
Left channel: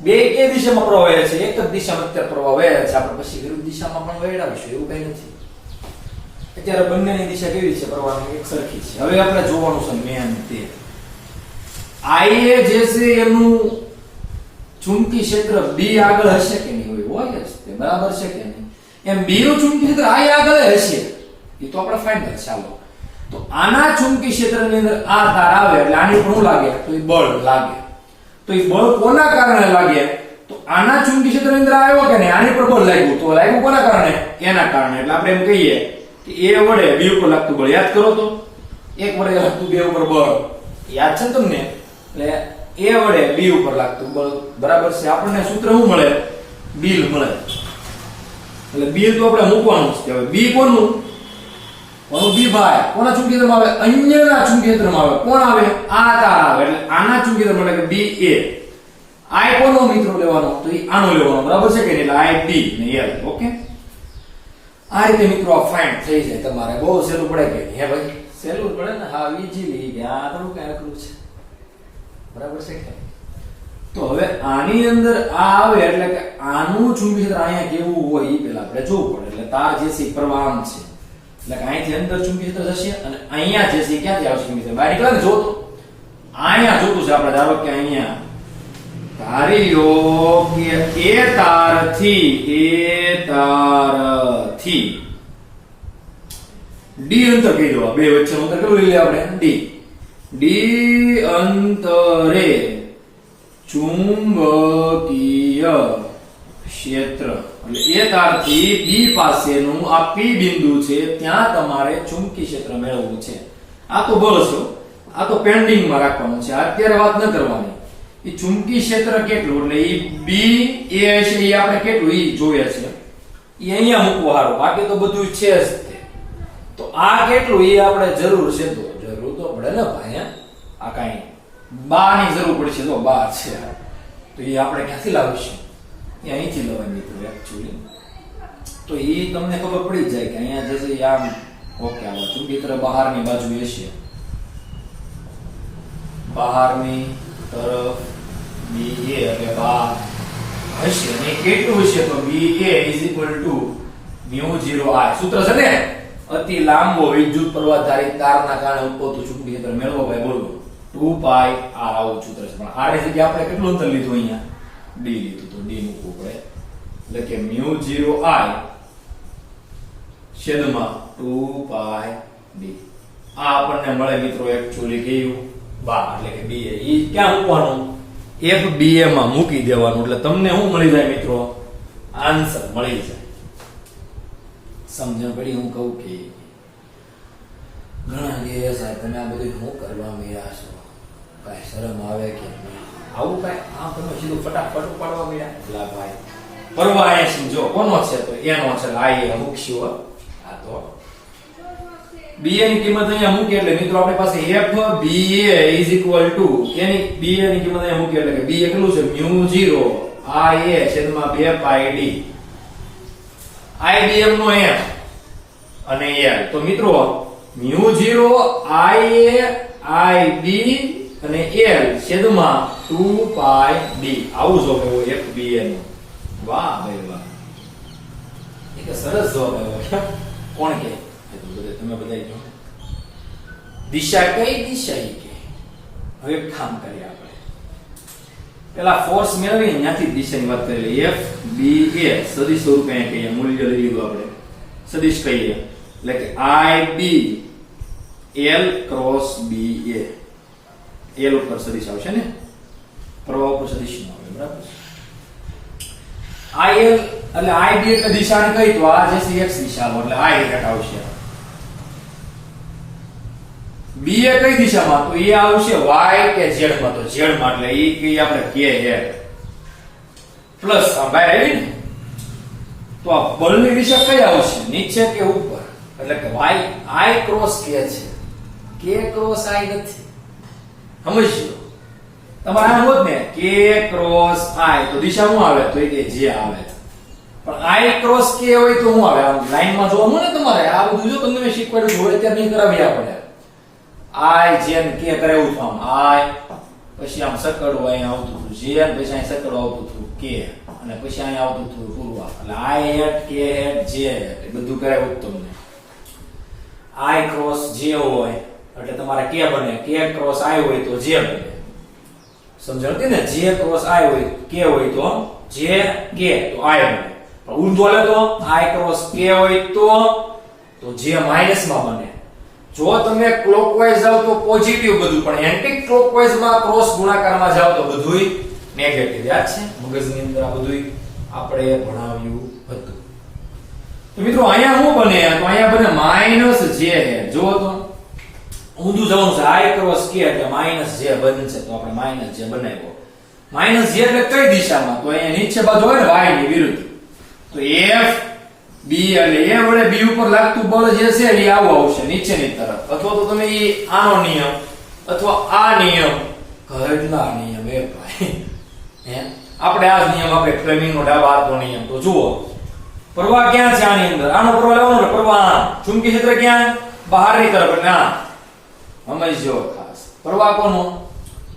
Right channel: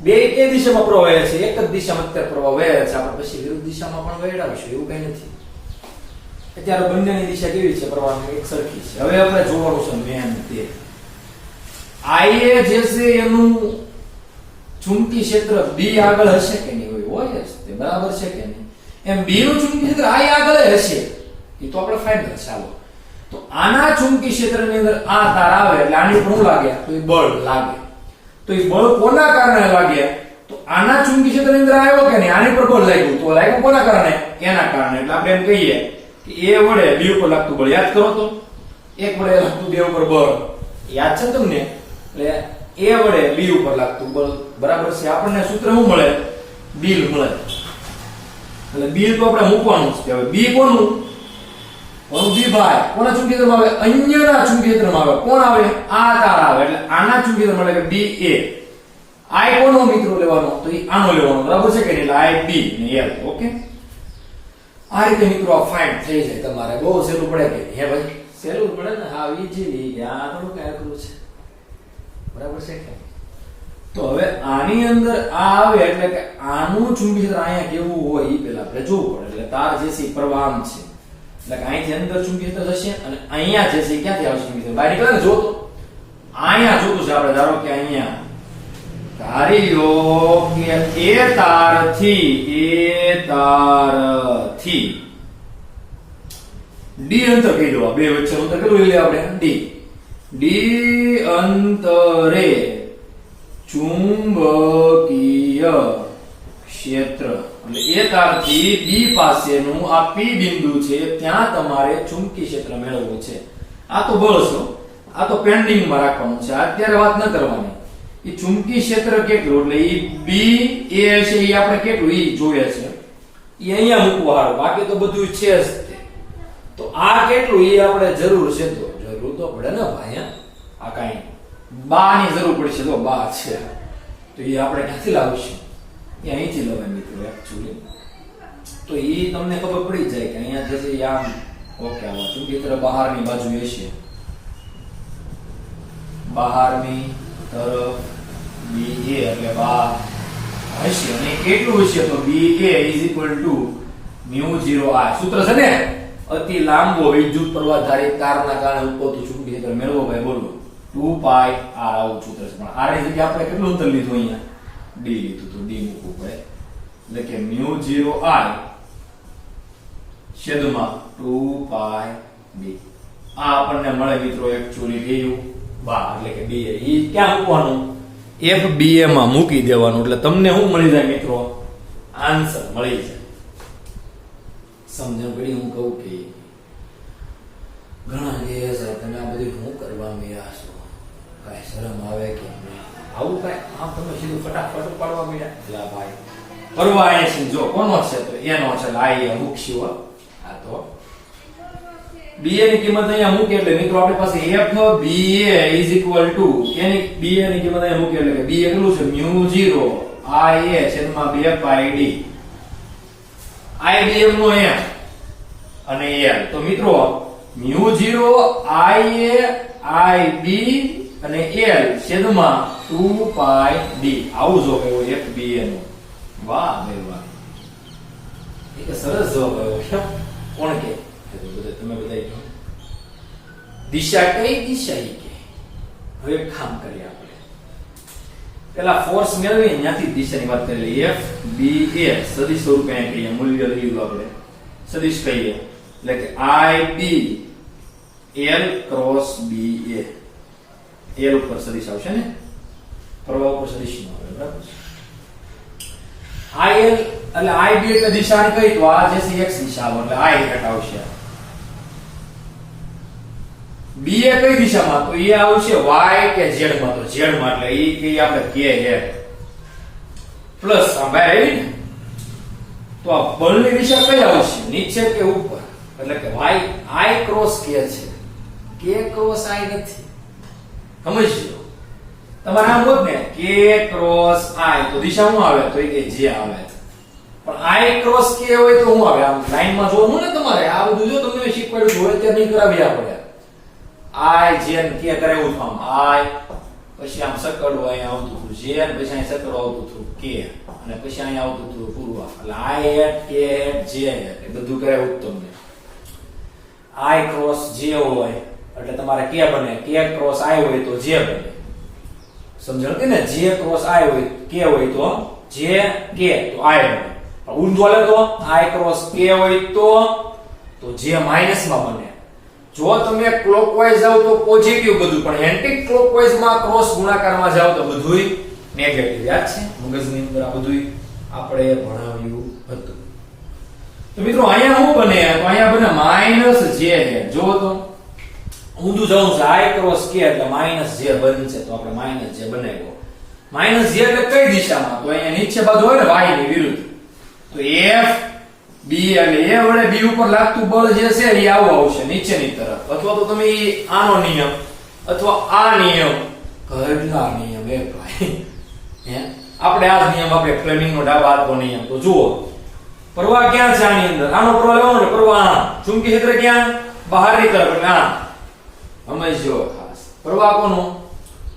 બે કે દિશામાં પ્રવાહ વહે છે, એક જ દિશામાં અત્યારે પ્રવાહ વહે છે. આપણે પછી વિરુદ્ધ દિશામાં પણ વહેડાવીશું, એવું કઈ નથી. અત્યારે બંનેની દિશા કેવી છે? પ્રવાહની એક સરખી છે. હવે આપણે જોવાનું છે મેન તે IA જે છે એનું ચુંબકીય ક્ષેત્ર B આગળ હશે કે નહીં? હોય જ તે. બરાબર છે કે નહીં? એમ B નું ચુંબકીય ક્ષેત્ર I આગળ હશે, એ તો આપણે ફાઇનલ. ચાલો, તો આના ચુંબકીય ક્ષેત્રની અંદર આ તાર આવે એટલે આની ઉપર શું લાગે? તો એ બળ લાગે. તો એ બળ કોના કારણે લાગે? તો આના ચુંબકીય ક્ષેત્રની અંદર આવ્યો કે નહીં? આની પર બળ લાગ્યું. તો લાગ્યું કોના કારણે? એના કારણે. એટલે આપણે એમ કહીએ કે A વડે B ઉપર લાગતું બળ યાદ કરો તો. એક વડે લાગતું બે ઉપર બળ, યાદ છે ને તમને? એટલે એ વડે બી ઉપર લાગતું, બરાબર છે. આપણને સૂત્ર શું મળે? બિલ મળે. એટલે બિલ તો આપણે મૂકવાનું છે. હવે બી કોનું? બી ભાઈ કોના ચુંબકીયત્રમાં આવે? અન્યના ચુંબકીયત્રમાં આવે. કોણ આવે? આ તાર આવે. એટલે આના ચુંબકીયત્રમાં એટલે કે બી એ. આઈ કોનો મિત્રો લેવાનો? તો એ આનો લેવાનો, બરાબર છે કે નહીં? એટલે આઈ બી ને એલ. ઓકે, આ રીતે મિત્રો આ ફાઇન્ડ થઈ જાય તમારે. બહુ સહેલું પડે કે હે ભાઈ? સહેલું પડે ને. હા, ઈઝીલી. આ થોડું કઈ અઘરું છે, બરાબર છે કે? તો હવે આની અંદર આ આવે એટલે કે આનું ચુંબકીય ક્ષેત્ર અહીંયા કેવું હોય એ પેલા આપણે જોવું પડે. એટલે તાર જે છે પ્રવાહ આમ છે, એટલે કે અહીંથી અંદર ચુંબકીય ક્ષેત્ર જશે અને અહીંયા જે છે ક્યાંથી આવશે ચુંબકીય ક્ષેત્ર? બહાર નીકળે ને. જો તો અહીંયા જોતું છે આપણે. ધારો કે અહીંયા ધાર્યો કે એ તારથી ડી અંતર કહી દો. બે વચ્ચેનું અંતર કેટલું લઈએ આપણે? ડી અંતરે ચુંબકીય ક્ષેત્ર, એટલે એ તારથી બી પાસેનું આ પી બિંદુ છે ત્યાં તમારે ચુંબકીય ક્ષેત્ર મેળવવું છે. આ તો બળશો, આ તો પેન્ડિંગમાં રાખવાનું છે, અત્યારે વાત ન કરવાની. એ ચુંબકીય ક્ષેત્ર કેટલું, એટલે એ બી એ છે એ આપણે કેટલું એ જોઈએ છે. એ અહીંયા મૂકવું હારું, બાકી તો બધું છે જ તે. તો આ કેટલું એ આપણે જરૂર છે, તો જરૂર તો પડે ને ભાઈ. આ કાંઈ બાની જરૂર પડશે. તો બા છે તો એ આપણે ક્યાંથી લાવીશું? એ અહીંથી લવાય મિત્રો એકચ્યુઅલી. તો એ તમને ખબર પડી જાય કે અહીંયા જે છે આમ ઓકે. આમાં ચુંબકીય ક્ષેત્ર બહારની બાજુ હશે, બહારની તરફ બી એ એટલે બહાર હશે. અને કેટલું હશે? તો બી એ µ0 I. સૂત્ર છે ને? અતિ લાંબો વિદ્યુત પ્રવાહ ધારિત તારના કારણે ઉદ્ભવતું ચુંબકીય ક્ષેત્ર મેળવો ભાઈ. બોલો 2π r. આવું સૂત્ર છે. પણ r ની જગ્યાએ આપણે કેટલું અંતર લીધું? અહીંયા d લીધું, તો d મૂકવું પડે. એટલે કે µ0 I છેદમાં 2π b. આ આપણને મળે મિત્રો એકચ્યુઅલી કયું? બા, એટલે કે ba. ઈ ક્યાં મૂકવાનું? FBA માં મૂકી દેવાનું. એટલે તમને શું મળી જાય મિત્રો? આન્સર મળી જાય. સમજણ પડી? હું કહું કે ઘણા કે સાહેબ તમે આ બધું શું કરવા મળ્યા છો? કાંઈ શરમ આવે કે આવું કાંઈ? આમ તમે સીધું ફટાફટ ઉપાડવા મળ્યા? એટલે ભાઈ પરવા એ સમજો કોનો છે? તો એનો છે. લાઈ મૂકશું. આ તો BA ની કિંમત અહીંયા મૂકી એટલે મિત્રો આપણી પાસે FBA એની BA ની કિંમત અહીંયા મૂકી એટલે કે B કેટલું છે? µ0 IA છેદમાં 2πd. IBM નો m અને l. તો મિત્રો µ0 IA IB અને l છેદમાં 2πd. આવું જવાબ આવ્યો FBA નો. વાહ ભાઈ વાહ, એક સરસ જવાબ આવ્યો. કેમ? કોણ કે? તમે બધા કહો. દિશા કઈ? દિશા ઈ કે. હવે કામ કરીએ આપણે. પેલા ફોર્સ મેળવી ત્યાંથી દિશાની વાત કરી લઈએ. FBA સદિશ સ્વરૂપે કહીએ, મૂલ્ય લઈ લીધું આપણે, સદિશ કહીએ. એટલે કે IB L cross BA. L ઉપર સદિશ આવશે ને, પ્રવાહ ઉપર સદિશ નો આવે, બરાબર છે. IL એટલે IB એટલે દિશાની કઈ? તો આ જે છે x દિશામાં, એટલે I હેઠળ આવશે. BA કઈ દિશામાં? તો એ આવશે y કે z માં. તો z માં એટલે એ કઈ આપણે k હેઠ પ્લસ આ બહાર આવી ને. તો આ બળની દિશા કઈ આવશે? નીચે કે ઉપર? એટલે કે y I ક્રોસ k છે, k ક્રોસ I નથી. સમજ્યો? તમારે આમ હોત ને k ક્રોસ I તો દિશા શું આવે? તો એ કે j આવે. પણ I ક્રોસ k હોય તો શું આવે? આમ લાઈનમાં જોવાનું ને તમારે. આ બધું જો તમને શીખવાડ્યું હોય ત્યારે નહીં કરાવી આપણે. I જેમ k કરાવ્યું હતું આમ I, પછી આમ સકડું અહીંયા આવતું હતું j, પછી અહીં સકડું આવતું હતું k, અને પછી અહીંયા આવતું હતું પૂર્વા. એટલે I હેઠ k હેઠ j હેઠ એ બધું કરાવ્યું તમને. I ક્રોસ j હોય એટલે તમારે k બને, k ક્રોસ I હોય તો j બને. સમજણ હતી ને? j ક્રોસ I હોય k હોય તો j k તો I બને. ઊંધો લે તો I ક્રોસ k હોય તો j માઈનસ માં બને. જો તમે ક્લોકવાઇઝ જાવ તો પોઝિટિવ બધું, પણ એન્ટી ક્લોકવાઇઝ માં ક્રોસ ગુણાકારમાં જાવ તો બધુંય નેગેટિવ. યાદ છે? મગજની અંદર આ બધુંય આપણે ભણાવ્યું હતું. તો મિત્રો અહીંયા શું બને? તો અહીંયા બને -j. જો તો ઊંધું જવાનું છે I ક્રોસ K એટલે -j બનશે તો આપણે -j બનાવ્યો -j એટલે કઈ દિશામાં તો અહીંયા નીચે બાજુ હોય ને y ની વિરુદ્ધ તો f b એટલે a વડે b ઉપર લાગતું બળ જે છે એ આવું આવશે નીચેની તરફ અથવા તો તમે ઈ આનો નિયમ અથવા આ નિયમ ઘરના નિયમ એ ભાઈ હે આપણે આ નિયમ આપણે ફ્લેમિંગનો ડાબા હાથનો નિયમ તો જુઓ પ્રવાહ ક્યાં છે આની અંદર આનો પ્રવાહ લેવાનો ને પ્રવાહ ચુંબકીય ક્ષેત્ર ક્યાં બહારની તરફ એટલે આ સમજજો ખાસ પ્રવાહ કોનો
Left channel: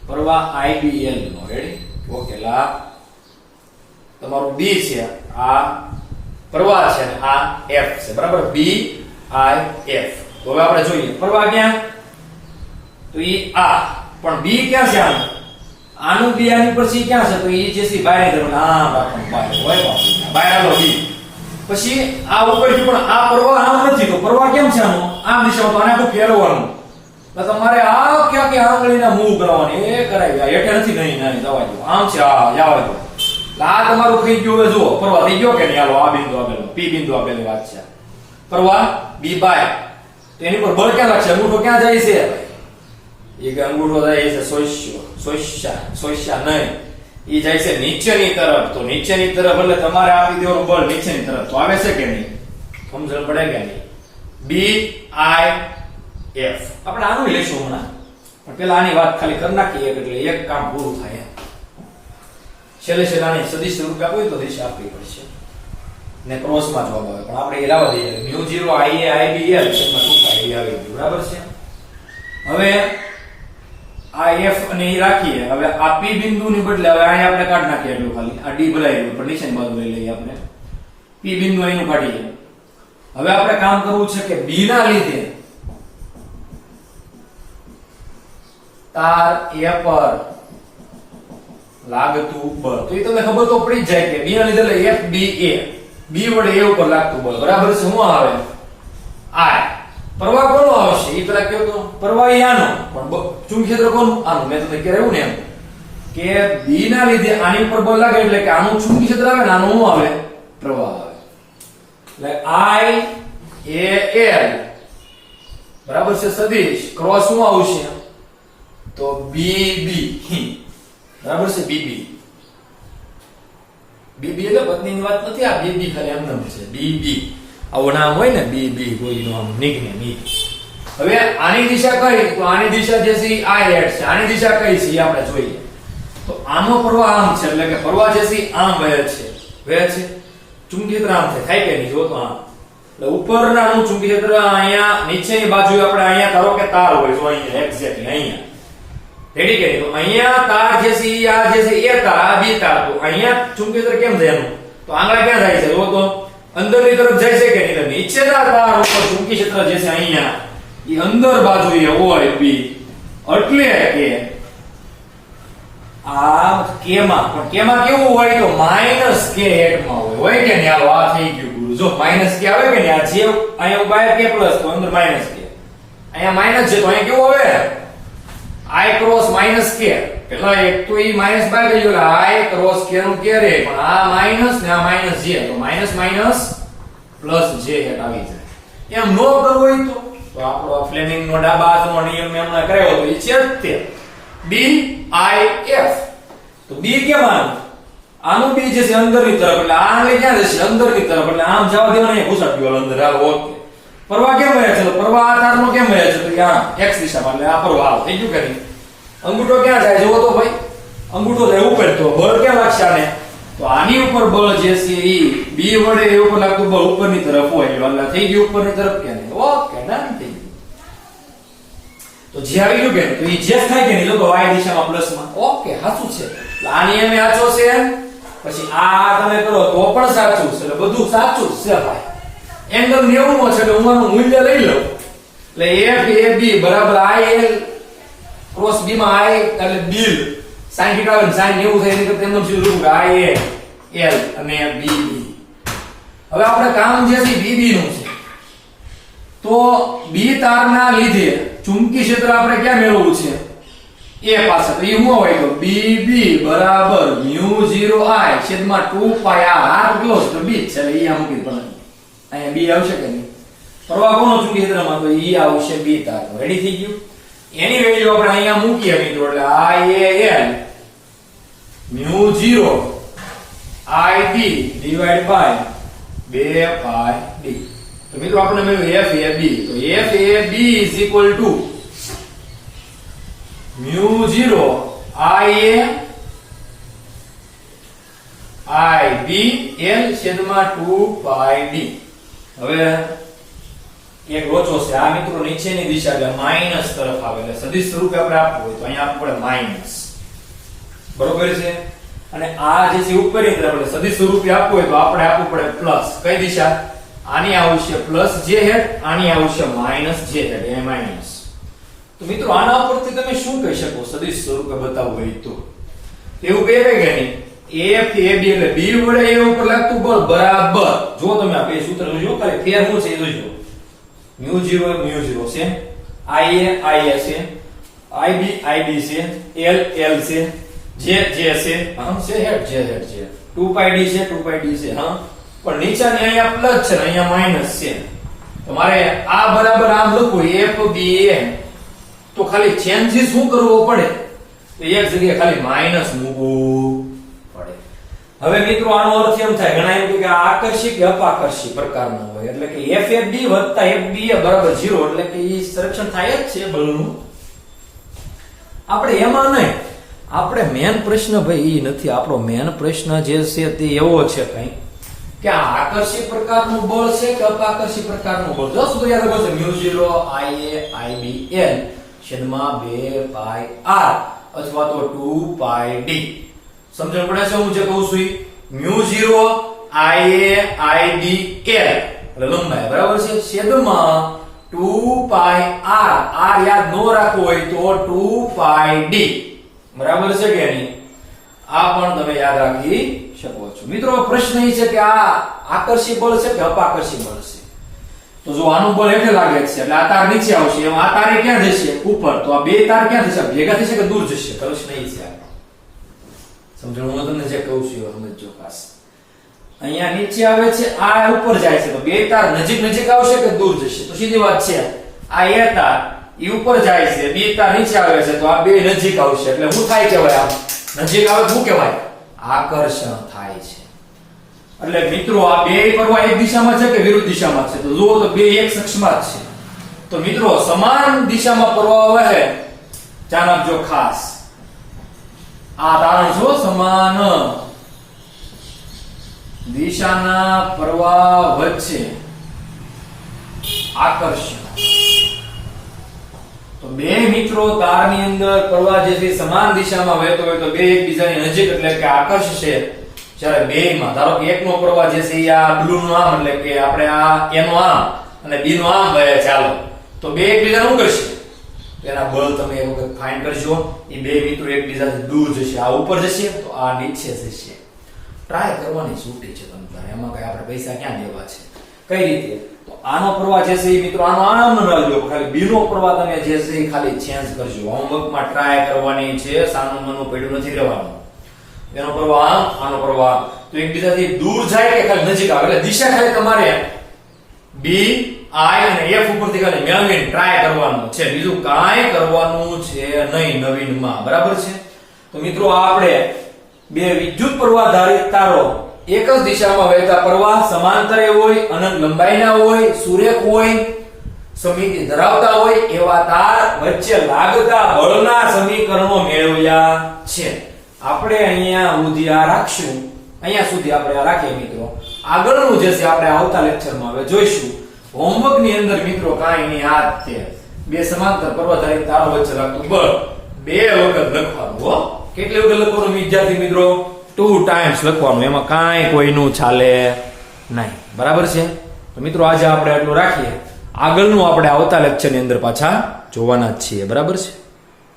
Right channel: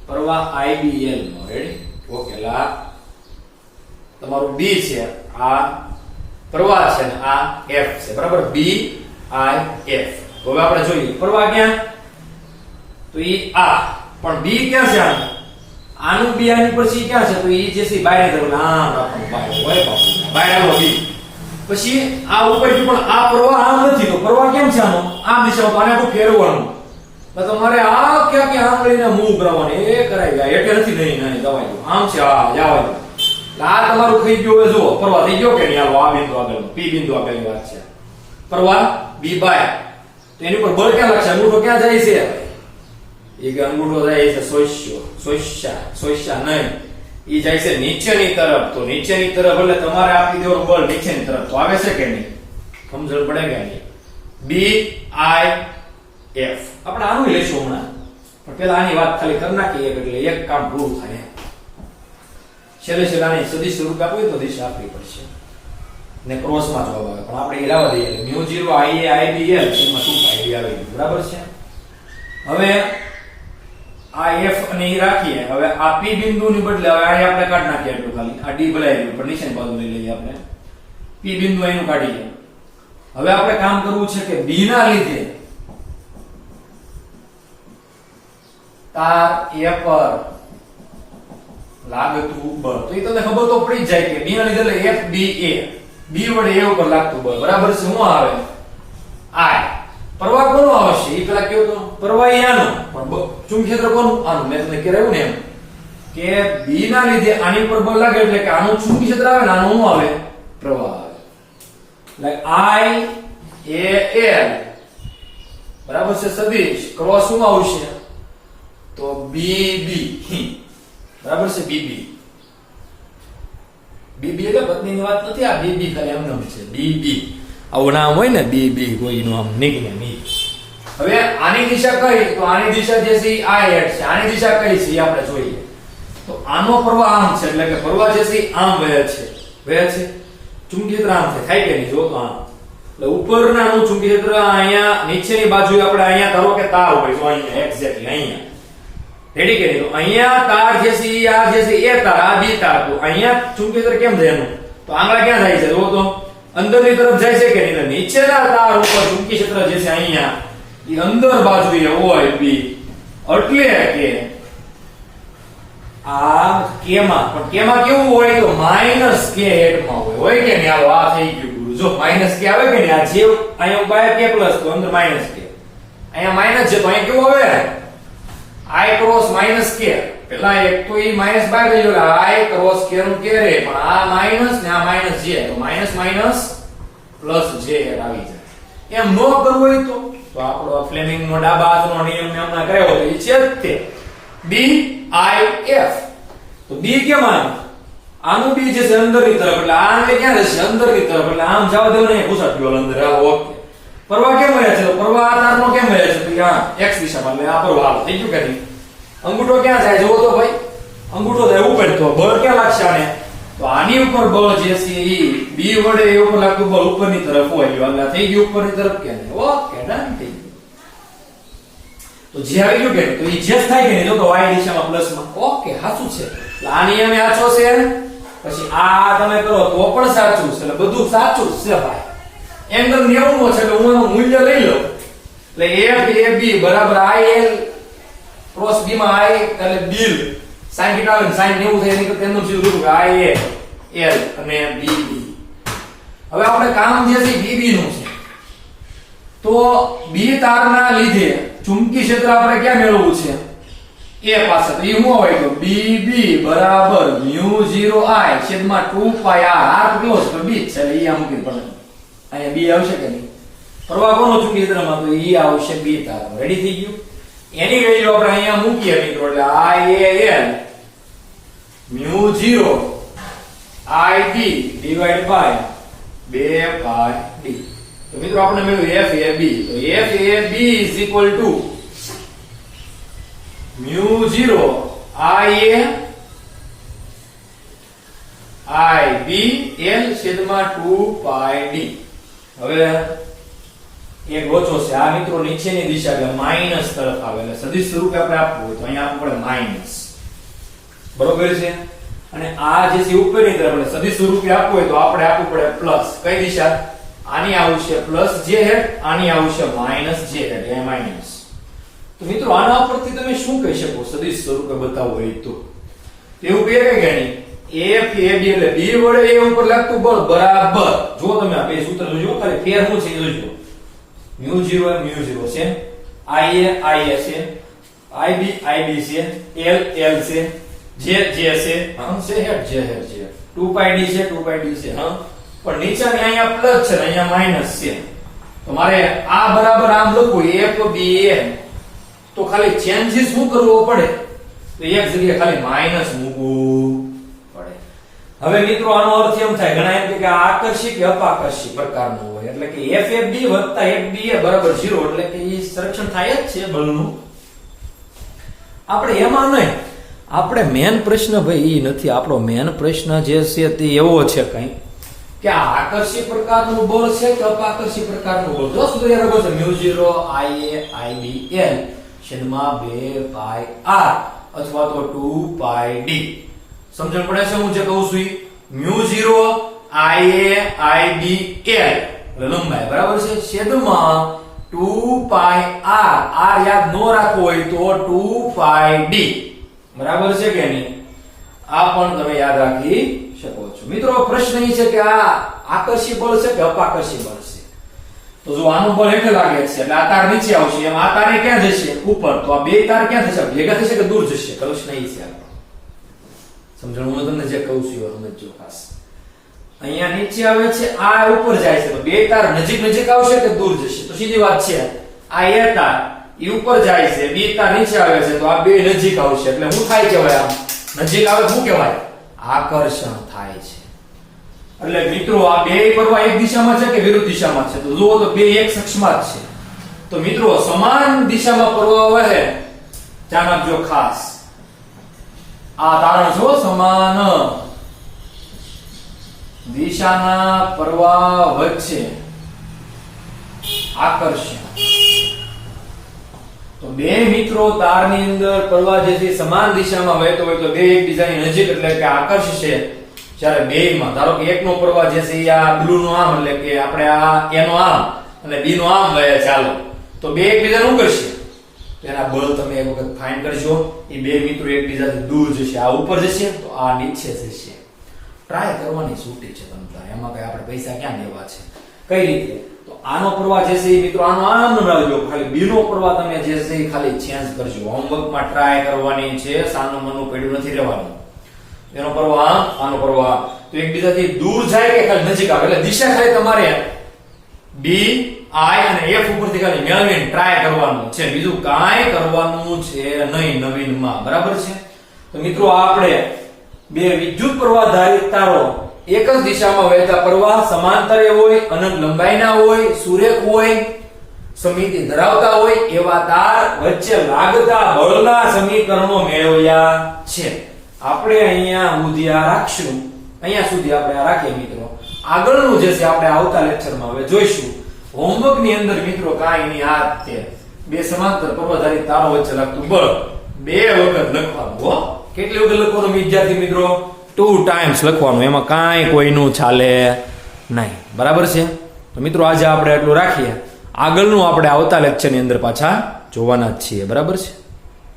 પ્રવાહ IBL નો રેડી ઓકે લા તમારું B છે આ પ્રવાહ છે ને આ F છે બરાબર B I F તો હવે આપણે જોઈએ પ્રવાહ ક્યાં તો ઈ આ પણ B ક્યાં છે આનું B આની પછી ક્યાં છે તો ઈ જે છે બહાર તરફ આ રાખવાનું બહાર હોય બહાર આવો B પછી આ ઉપરથી પણ આ પ્રવાહ આમ નથી તો પ્રવાહ કેમ છે આનો આમ દિશામાં આને આખું ફેરવવાનું તો તમારે આ કે આંગળીને મૂવ કરવાની એ કરાઈ ગયા એટલે નથી નહીં જવા દો આમ છે આ જવા દો આ તમારું થઈ ગયું હવે જુઓ પ્રવાહ થઈ ગયો કે નહીં હાલો આ બિંદુ આપેલું P બિંદુ આપેલી વાત છે પ્રવાહ B બાય તો એની પર બળ ક્યાં લાગશે અંગૂઠો ક્યાં જાય છે એક અંગૂઠો જાય છે સોસ્યા નહીં ઈ જાય છે નીચેની તરફ તો નીચેની તરફ એટલે તમારે આપી દેવાનું બળ નીચેની તરફ તો આવે છે કે નહીં સમજણ પડે કે નહીં B I F આપણે આનું લેશું હમણાં પણ પેલા આની વાત ખાલી કરી નાખીએ એટલે એક કામ પૂરું થાય છેલ્લે આની સદિશ સ્વરૂપ આપવું તો દિશા આપવી પડશે ને ક્રોસમાં જવાબ આવે પણ આપણે એ લાવવા દઈએ μ0 IA IBL એમાં શું થાય આવે બરાબર છે હવે આ F અને એ રાખીએ હવે આ P બિંદુની બદલે હવે આ આપણે કાઢી નાખીએ એટલું ખાલી આ D ભલાઈ ગયું પણ નીચેની બાજુ લઈ લઈએ આપણે P બિંદુ અહીંનું કાઢીએ હવે આપણે કામ કરવું છે કે B ના લીધે તાર A પર લાગતું બળ તો એ તમને ખબર તો પડી જાય કે B ના લીધે FBA B વડે A ઉપર લાગતું બળ બરાબર છે શું આવે I પ્રવાહ કોનો આવશે એ પેલા કહ્યું તો પ્રવાહ આનો પણ ચુંબકીય ક્ષેત્ર કોનું આનું મેં તમને કહેવું ને એમ કે B ના લીધે આની પર બળ લાગે એટલે કે આનું ચુંબકીય ક્ષેત્ર આવે ને આનું શું આવે પ્રવાહ આવે એટલે IAL બરાબર છે સદિશ ક્રોસ શું આવશે તો BB બરાબર છે BB એટલે પત્નીની વાત નથી આ BB ખાલી એમ નામ છે BB આવું નામ હોય ને BB કોઈનું આમ નીકળે નહીં હવે આની દિશા કઈ તો આની દિશા જે છે I હેડ છે આની દિશા કઈ છે આપણે જોઈએ તો આનો પ્રવાહ આમ છે એટલે કે પ્રવાહ જે છે આમ વહે છે ચુંબકીય ક્ષેત્ર આમ થાય કે નહીં જો તો આમ એટલે ઉપરનાનું ચુંબકીય ક્ષેત્ર અહીંયા નીચેની બાજુએ આપણે અહીંયા ધારો કે તાર હોય તો અહીંયા એક્ઝેક્ટલી અહીંયા રેડી કે તો અહીંયા તાર જે છે આ જે છે એ તાર આ બી તાર તો અહીંયા ચુંબકીય ક્ષેત્ર કેમ જાય એનું તો આંગળા ક્યાં જાય છે જો તો અંદરની તરફ જાય છે કે નહીં નીચેના તાર ઉપર ચુંબકીય ક્ષેત્ર જે છે અહીંયા એ અંદર બાજુએ હોય બી એટલે કે આ કેમાં પણ કેમાં કેવું હોય તો -k હેડમાં હોય કે નહીં હાલો આ થઈ ગયું ગુરુ જો -k આવે કે નહીં આ જે અહીંયા બાય k પ્લસ તો અંદર -k અહીંયા માઈનસ છે તો અહીંયા કેવું આવે I ક્રોસ -k પેલા એક તો ઈ માઈનસ બાય ગયો I ક્રોસ k નું k રે પણ આ માઈનસ ને આ માઈનસ j તો માઈનસ માઈનસ પ્લસ j આવી જાય એમ નો કરવું હોય તો આપણો ફ્લેમિંગ નો ડાબા હાથનો નિયમ મેં હમણાં કરાયો તો ઈ છે જ તે B I F તો B કેમ આવ્યું આનું B જે છે અંદરની તરફ એટલે આ આંગળી ક્યાં જશે અંદરની તરફ એટલે આમ જવા દેવા નહીં ઘૂસાડ ગયો અંદર હાલ ઓકે પ્રવાહ કેમ વહે છે તો પ્રવાહ આ તારનો કેમ વહે છે તો આ x દિશામાં એટલે આ પ્રવાહ થઈ ગયું કે નહીં અંગૂઠો ક્યાં જાય જોવો તો ભાઈ અંગૂઠો જાય ઉપર તો બળ ક્યાં લાગશે આને તો આની ઉપર બળ જે છે એ B વડે એ ઉપર લાગતું બળ ઉપરની તરફ હોય એટલે થઈ ગયું ઉપરની તરફ કે નહીં ઓકે ડન થઈ ગયું તો જે આવી ગયું કે તો એ જે થાય કે નહીં તો y દિશામાં પ્લસમાં ઓકે સાચું છે એટલે આ નિયમ સાચો છે પછી આ તમે કરો તો પણ સાચું છે એટલે બધું સાચું જ છે ભાઈ એંગલ 90 છે એટલે હું આનું મૂલ્ય લઈ લઉં એટલે FAB બરાબર IL ક્રોસ B માં I એટલે બિલ sin θ અને sin 90 થાય એટલે તેનું સીધું રૂપ IL અને BB હવે આપણે કામ જે છે BB નું છે તો B તારના લીધે ચુંબકીય ક્ષેત્ર આપણે ક્યાં મેળવવું છે A પાસે તો એ શું હોય તો BB બરાબર μ0I છેદમાં 2πr r કેટલો છે તો B છે એટલે એ આ મૂકી પણ અહીંયા B આવશે કે નહીં પ્રવાહ કોનો ચુંબકીય ક્ષેત્રમાં તો E આવશે B તારનો રેડી થઈ ગયું એની વેલ્યુ આપણે અહીંયા મૂકીએ મિત્રો એટલે IAL μ0 IB divide by 2πd. તો મિત્રો આપણે મળ્યું FAB. તો FAB is equal to μ0 IA IBL છેદમાં 2πd. હવે એક રોચો છે આ મિત્રો નીચેની દિશા એટલે માઈનસ તરફ આવે એટલે સદિશ સ્વરૂપે આપણે આપવું હોય તો અહીંયા આપવું પડે માઈનસ, બરોબર છે. અને આ જે છે ઉપરની તરફ એટલે સદિશ સ્વરૂપે આપવું હોય તો આપણે આપવું પડે પ્લસ. કઈ દિશા? આની આવશે પ્લસ જે હેડ, આની આવશે માઈનસ જે હેડ, એ માઈનસ. તો મિત્રો આના પરથી તમે શું કહી શકો સદિશ સ્વરૂપે બતાવવું હોય તો? એવું કહેવાય કે નહીં FAB એટલે B વડે A ઉપર લાગતું બળ બરાબર. જો તમે આ બે સૂત્ર જોજો ખાલી ફેર શું છે જોજો. μ0 છે, IA છે, IB છે, L છે, J છે, હમ છે હેડ J 2πd છે હા. પણ નીચેની અહીંયા પ્લસ છે અહીંયા માઈનસ છે. તો મારે આ બરાબર આમ લખવું FBM તો ખાલી ચેન્જીસ શું કરવો પડે? તો એક જગ્યાએ ખાલી માઈનસ મૂકવું પડે. હવે મિત્રો આનો અર્થ એમ થાય ઘણા એમ કે આકર્ષી કે અપાકર્ષી પ્રકારનો હોય એટલે કે FAB વત્તા FBA બરાબર 0 એટલે કે ઈ સંરક્ષણ થાય જ છે બળનું. આપણે એમાં નહીં, આપણે મેન પ્રશ્ન ભાઈ ઈ નથી. આપણો મેન પ્રશ્ન જે છે તે એવો છે કઈ કે આ આકર્ષી પ્રકારનું બળ છે કે અપાકર્ષી પ્રકારનું બળ. દસ તો યાદ રાખો μ0 IA IBL છેદમાં 2πr અથવા તો 2πd. સમજણ પડે છે હું જે કહું છું? μ0 IA IBL એટલે લંબાઈ બરાબર છે છેદમાં 2πr. r યાદ ન રાખવું હોય તો 2πd બરાબર છે કે નહીં? આ પણ તમે યાદ રાખી શકો છો. મિત્રો પ્રશ્ન એ છે કે આ આકર્ષી બળ છે કે અપાકર્ષી બળ છે? તો જો આનું બળ હેઠે લાગે છે એટલે આ તાર નીચે આવશે, એમ આ તારે ક્યાં જશે? ઉપર. તો આ બે તાર ક્યાં થશે? ભેગા થશે કે દૂર જશે? પ્રશ્ન એ છે આપણો. સમજણ હું તમને જે કહું છું એ સમજો ખાસ. અહીંયા નીચે આવે છે, આ ઉપર જાય છે, તો બે તાર નજીક આવશે કે દૂર જશે? તો સીધી વાત છે આ એ તાર ઈ ઉપર જાય છે, બે તાર નીચે આવે છે, તો આ બે નજીક આવશે એટલે શું થાય કહેવાય? આમ નજીક આવે શું કહેવાય? આકર્ષણ થાય છે. એટલે મિત્રો આ બે પ્રવાહ એક દિશામાં છે કે વિરુદ્ધ દિશામાં છે? તો જુઓ તો બે એક કક્ષમાં જ છે. તો મિત્રો સમાન દિશામાં પ્રવાહ વહે, ધ્યાન આપજો ખાસ. આ તારણ છો સમાન દિશાના પ્રવાહ વચ્ચે આકર્ષણ. તો બે મિત્રો તારની અંદર પ્રવાહ જે છે સમાન દિશામાં વહેતો હોય તો બે એકબીજાની નજીક એટલે કે આકર્ષશે. જ્યારે બેયમાં ધારો કે એકનો પ્રવાહ જે છે આ બ્લુ નો આમ એટલે કે આપણે આ એનો આમ અને બી નો આમ વહે ચાલો, તો બે એકબીજાને શું કરશે? એના બળ તમે એક વખત ફાઇન્ડ કરજો. એ બે મિત્રો એકબીજાથી દૂર જશે, આ ઉપર જશે તો આ નીચે જશે. ટ્રાય કરવાની છૂટી છે તમને, એમાં કઈ આપણે પૈસા ક્યાં દેવા છે? કઈ રીતે? તો આનો પ્રવાહ જે છે એ મિત્રો આનો આમ ન રાખજો, ખાલી બી નો પ્રવાહ તમે જે છે એ ખાલી ચેન્જ કરજો. હોમવર્કમાં ટ્રાય કરવાની છે, સાનું મનું પડ્યું નથી રહેવાનું. એનો પ્રવાહ આમ, આનો પ્રવાહ આમ, તો એકબીજાથી દૂર જાય કે ખાલી નજીક આવે? એટલે દિશા ખાલી તમારે બી આઈ અને એફ ઉપરથી ખાલી મેળવીને ટ્રાય કરવાનું છે, બીજું કાંઈ કરવાનું છે નહીં નવીનમાં. બરાબર છે? તો મિત્રો આપણે બે વિદ્યુત પ્રવાહ ધારિત તારો એક જ દિશામાં વહેતા પ્રવાહ સમાંતરે હોય, અનંત લંબાઈના હોય, સુરેખ હોય, સમિતિ ધરાવતા હોય એવા તાર વચ્ચે લાગતા બળના સમીકરણો મેળવ્યા છે. આપણે અહીંયા સુધી આ રાખશું, અહીંયા સુધી આપણે આ રાખીએ મિત્રો. આગળનું જે છે આપણે આવતા લેક્ચરમાં હવે જોઈશું. હોમવર્ક ની અંદર મિત્રો કાંઈ નહીં, આ તે બે સમાંતર પ્રવાહધારી તારો વચ્ચે લાગતું બળ બે વખત લખવાનું. હો, કેટલી વખત લખવાનું વિદ્યાર્થી મિત્રો? 2 ટાઈમ્સ લખવાનું, એમાં કાંઈ કોઈનું ચાલે નહીં. બરાબર છે? તો મિત્રો આજે આપણે એટલું રાખીએ, આગળનું આપણે આવતા લેક્ચરની અંદર પાછા જોવાના જ છીએ. બરાબર છે?